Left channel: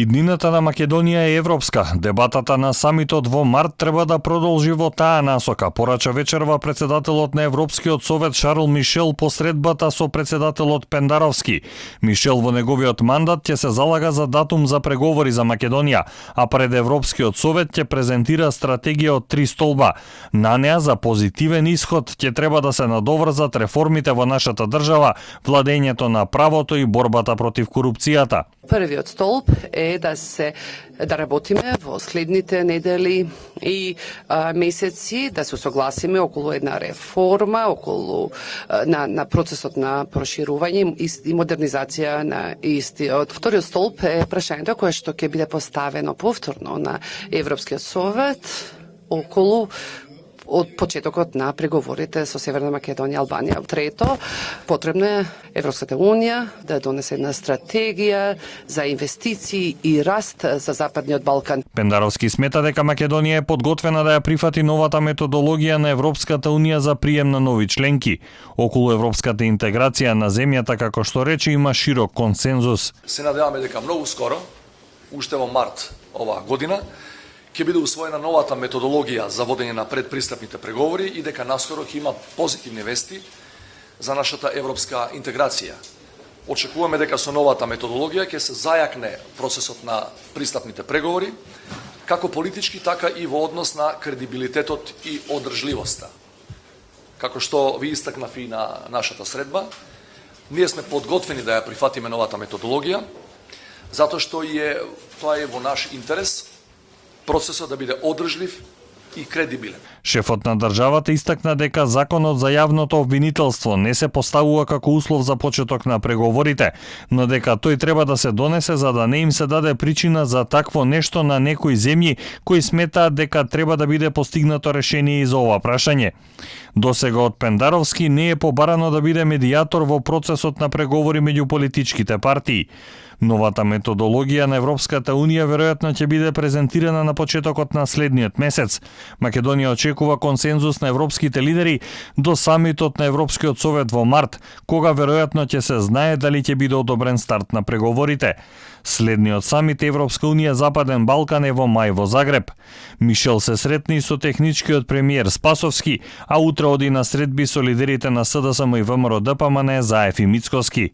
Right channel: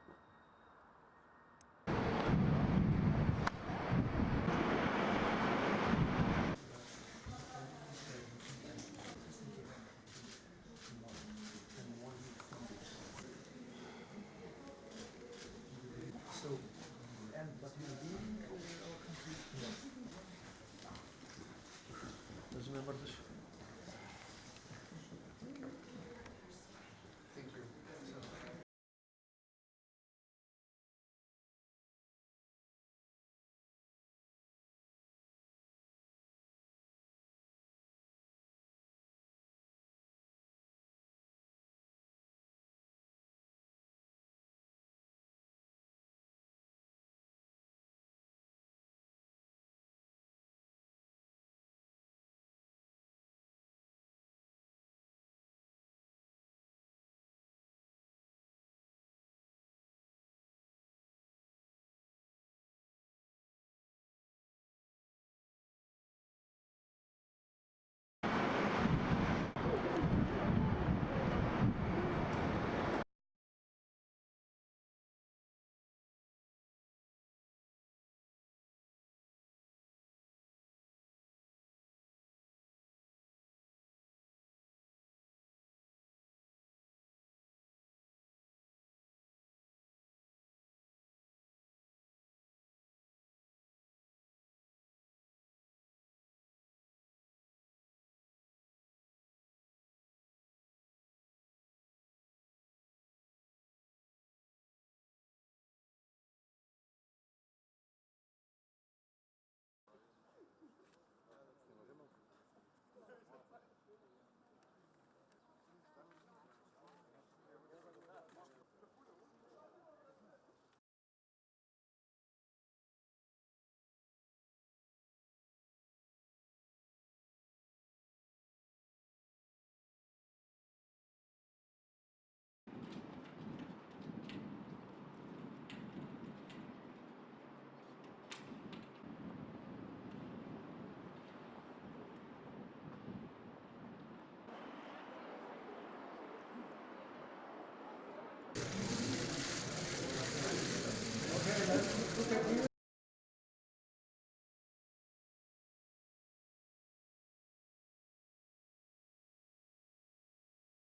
Иднината на Македонија е европска. Дебатата на самитот во март треба да продолжи во таа насока, порача вечерва председателот на Европскиот совет Шарл Мишел по средбата со председателот Пендаровски. Мишел во неговиот мандат ќе се залага за датум за преговори за Македонија, а пред Европскиот совет ќе презентира стратегија од 3 столба. На неа за позитивен исход ќе треба да се надоврзат реформите во нашата држава, владењето на правото и борбата против корупцијата. Првиот столб е да работиме во следните недели и месеци, да се согласиме околу една реформа, околу на процесот на проширување и модернизација на истиот. Вториот столб е прашањето кое што ќе биде поставено повторно на Европскиот совет околу од почетокот на преговорите со Северна Македонија и Албанија. Трето, потребно е Европската унија да донесе една стратегија за инвестиции и раст за Западниот Балкан. Пендаровски смета дека Македонија е подготвена да ја прифати новата методологија на Европската унија за прием на нови членки. Околу европската интеграција на земјата, како што рече, има широк консензус. Се надеваме дека многу скоро, уште во март оваа година, ќе биде усвоена новата методологија за водење на предпристапните преговори и дека наскоро ќе има позитивни вести за нашата европска интеграција. Очекуваме дека со новата методологија ќе се зајакне процесот на пристапните преговори, како политички, така и во однос на кредибилитетот и одржливоста. Како што ви истакнав и на нашата средба, ние сме подготвени да ја прифатиме новата методологија, затоа што тоа е во наш интерес, процесот да биде одржлив и кредибилен. Шефот на државата истакна дека законот за јавното обвинителство не се поставува како услов за почеток на преговорите, но дека тој треба да се донесе за да не им се даде причина за такво нешто на некои земји кои сметаат дека треба да биде постигнато решение и за ова прашање. Досега од Пендаровски не е побарано да биде медијатор во процесот на преговори меѓу политичките партии. Новата методологија на Европската унија веројатно ќе биде презентирана на почетокот на следниот месец. Македонија очекува консензус на европските лидери до самитот на Европскиот совет во март, кога веројатно ќе се знае дали ќе биде одобрен старт на преговорите. Следниот самит Европска унија Западен Балкан е во мај во Загреб. Мишел се сретни и со техничкиот премиер Спасовски, а утре оди на средби со лидерите на СДСМ и ВМРО ДПМН Заев и Мицкоски.